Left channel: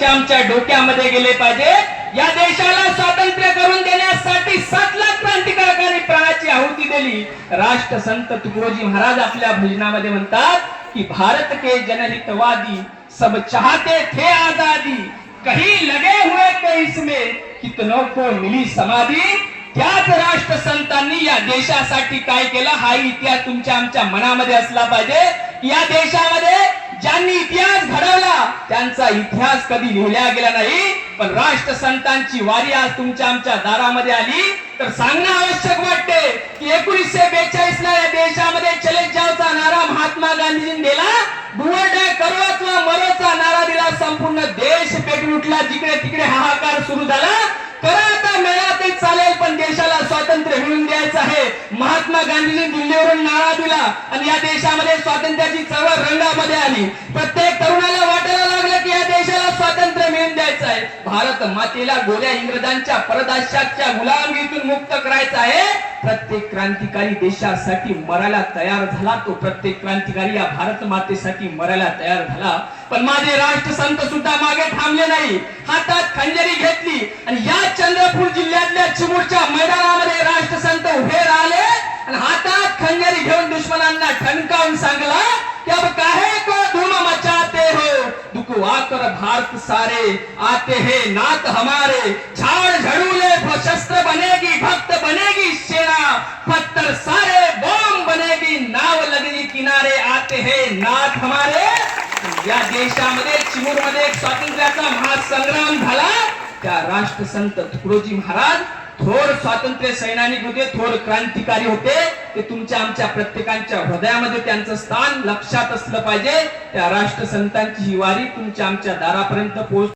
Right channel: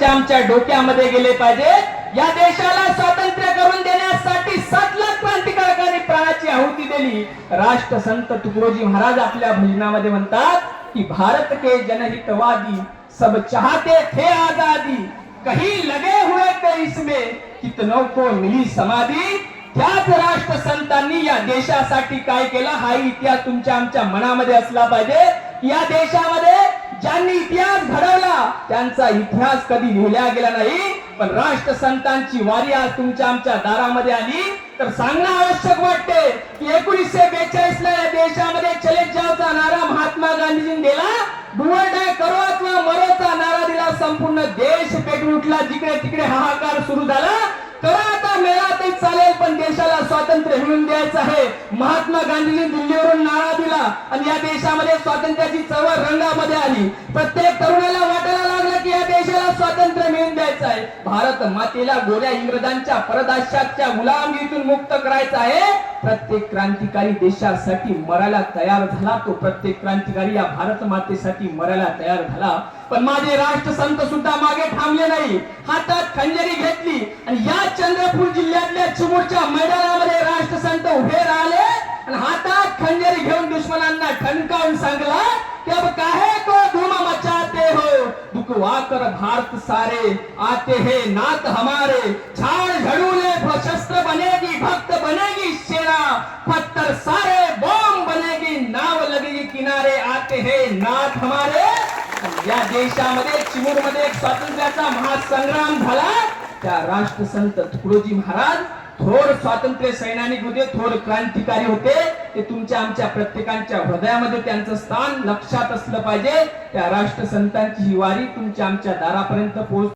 तुमच्या आमच्या डोक्यामध्ये गेले पाहिजे. या देशाला स्वातंत्र्य करून देण्यासाठी सात लाख क्रांतिकारकांनी प्राणाची आहुती दिली. राष्ट्रसंत तुकडोजी महाराज आपल्या भजनामध्ये म्हणतात की भारत के जनहितवादी सब चाहते थे आजादी. कहीं लगे हुए तो इसमें कितनों को मिली समाधी. त्याच राष्ट्र संतांनी या देशासाठी काय केलं? हा इतिहास तुमच्या आमच्या मनामध्ये असला पाहिजे. या देशामध्ये ज्यांनी इतिहास घडवला त्यांचा इतिहास कधी लिहिला गेला नाही. पण राष्ट्र संतांची वारी आज तुमच्या आमच्या दारामध्ये आली. तर सांगणं आवश्यक वाटते की एकोणीसशे बेचाळीस ला या देशामध्ये चले जावचा नारा महात्मा गांधीजींनी दिला. डुवरडाय करो अथवा मरोचा नारा दिला. संपूर्ण देश पेटून उठला. जिकडे तिकडे हाहाकार सुरू झाला. करा आता मेळा ते चालेल पण देशाला स्वातंत्र्य मिळून द्यायचं आहे. महात्मा गांधींनी दिल्लीवरून नारा दिला. आणि या देशामध्ये स्वातंत्र्याची चळवळ रंगामध्ये आली प्रत्येक तरुणाला वाटायला लागलं की या देशाला स्वातंत्र्य मिळून द्यायचं आहे. भारत मातेला गोऱ्या इंग्रजांच्या परदाशाच्या गुलामगीतून मुक्त करायचं आहे. प्रत्येक क्रांतिकारी देशासाठी मरायला तयार झाला. तो प्रत्येक क्रांतिकारी या भारत मातेसाठी मरायला तयार झाला. पण माझे राष्ट्रसंत सुद्धा मागे थांबले नाही. हातात खंजरी घेतली. आणि या चंद्रपूर जिल्ह्यातल्या चिमूरच्या मैदानामध्ये राष्ट्रसंत उभे राहिले. आणि हातात खंजरी घेऊन दुश्मनांना ठणकावून सांगला की अब काहे भारत आते हैं नात हमारे। झाड़ झड़ूले शस्त्र बनेगी भक्त बनेगी सेना पत्थर सारे बम बनेगी नाव लगेगी किनारे। आते हैं नाथ हमारे। या देशामध्ये चिमूरमध्ये स्वातंत्र्याचा महासंग्राम झाला। त्या राष्ट्रसंत तुकडोजी महाराज थोर स्वातंत्र्य सैनानिक होते थोर क्रांतिकारी होते ते तुमच्या आमच्या प्रत्येकांच्या हृदयामध्ये त्यांचं स्थान लक्षात असलं पाहिजे. त्या राष्ट्रसंतांची ही वारी तुमच्या आमच्या दारापर्यंत पोहोच